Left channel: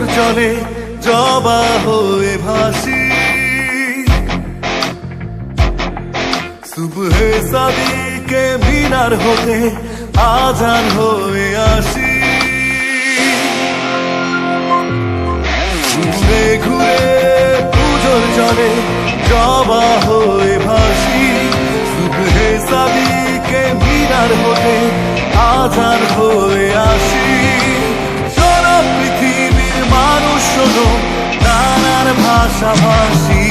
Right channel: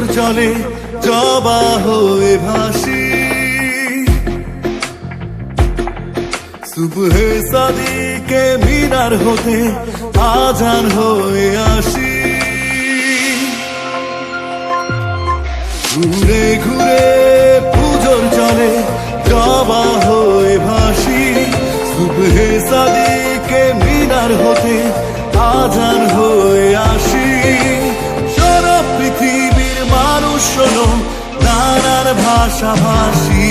পুজোর জলে জবা হয়ে ভাসি, সুবহে সাদিকে মিনার হতে আজান হয়ে আসি। ঘুরে ঘুরে পুজোর জলে জবা হয়ে ভাসি, সুবহে সাদিকে মিনার হতে আজান হয়ে আসি। শোনো পৃথিবীর মানুষ শোনো, নানান ভাষাভাষী,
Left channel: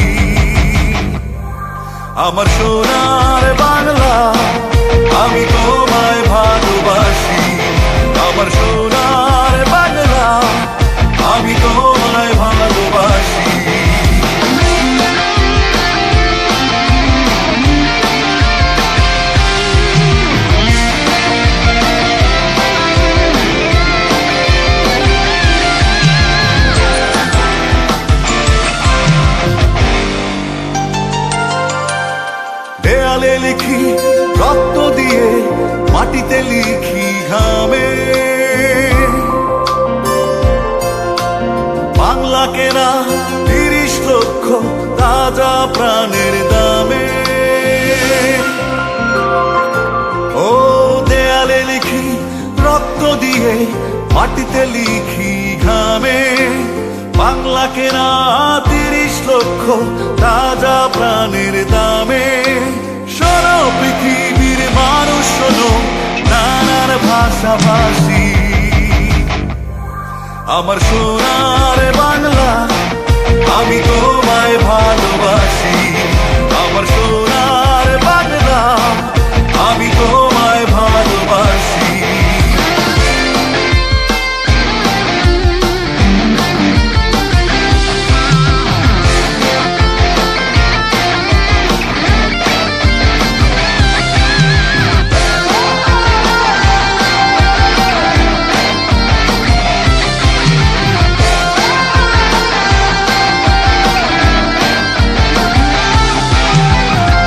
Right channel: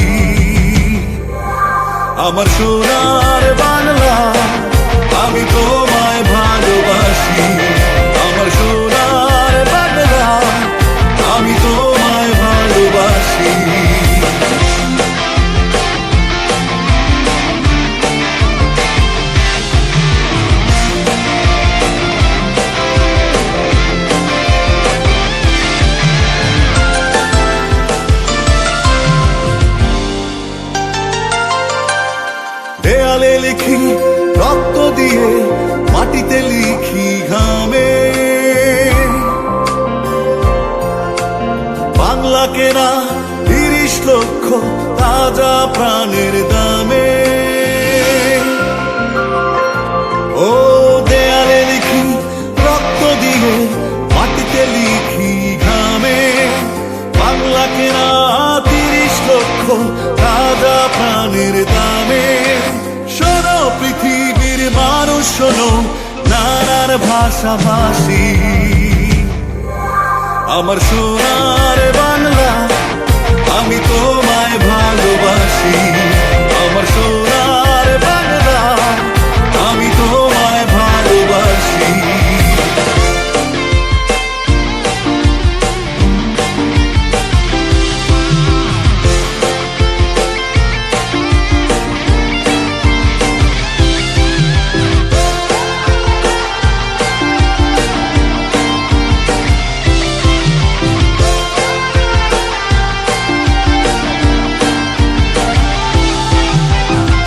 আমার সোনার বাংলা আমি তোমায় ভালোবাসি। আমার সোনার বাংলা আমি তোমায় ভালোবাসি। দেয়ালে লিখি রক্ত দিয়ে, মাটিতে লিখি ঘামে, বাংলা কেনা 30 লক্ষ তাজা প্রাণের দামে। ও দেয়ালে লিখি রক্ত দিয়ে, মাটিতে লিখি ঘামে, বাংলা কেনা 30 লক্ষ তাজা প্রাণের দামে। শোনো পৃথিবীর মানুষ শোনো, নানান ভাষাভাষী, আমার সোনার বাংলা আমি তোমায় ভালোবাসি। আমার সোনার বাংলা আমি তোমায় ভালোবাসি।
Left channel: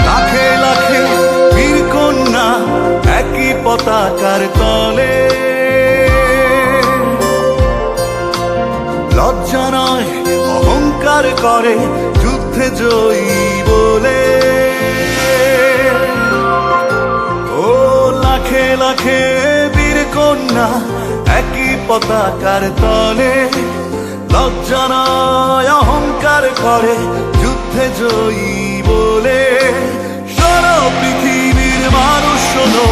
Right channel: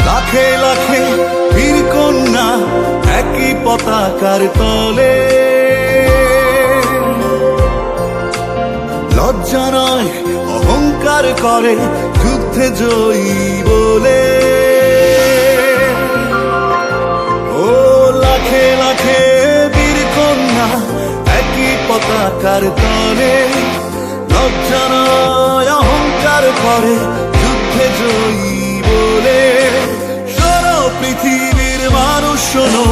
লাখে লাখে বীর কন্যা একই পতাকার তলে, লজ্জা নয় অহংকার করে যুদ্ধে জয়ী বলে। ও লাখে লাখে বীর কন্যা একই পতাকার তলে, লজ্জা নয় অহংকার করে যুদ্ধে জয়ী বলে। শোনো পৃথিবীর মানুষ শোনো,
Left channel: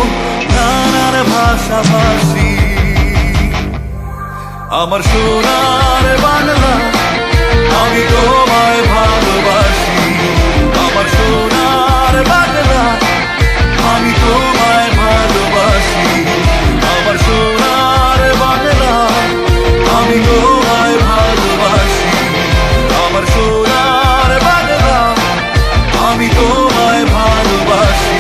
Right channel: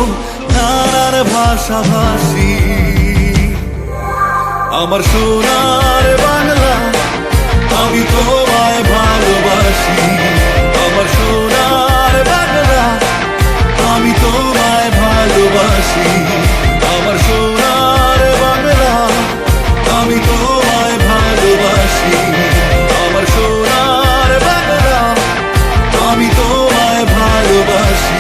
নানান ভাষাভাষী, আমার সোনার বাংলা আমি তোমায় ভালোবাসি। আমার সোনার বাংলা আমি তোমায় ভালোবাসি। আমার সোনার বাংলা আমি তোমায় ভালোবাসি। আমার সোনার বাংলা আমি তোমায় ভালোবাসি।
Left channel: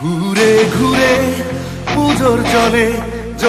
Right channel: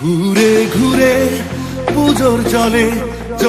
ঘুরে ঘুরে পুজোর জলে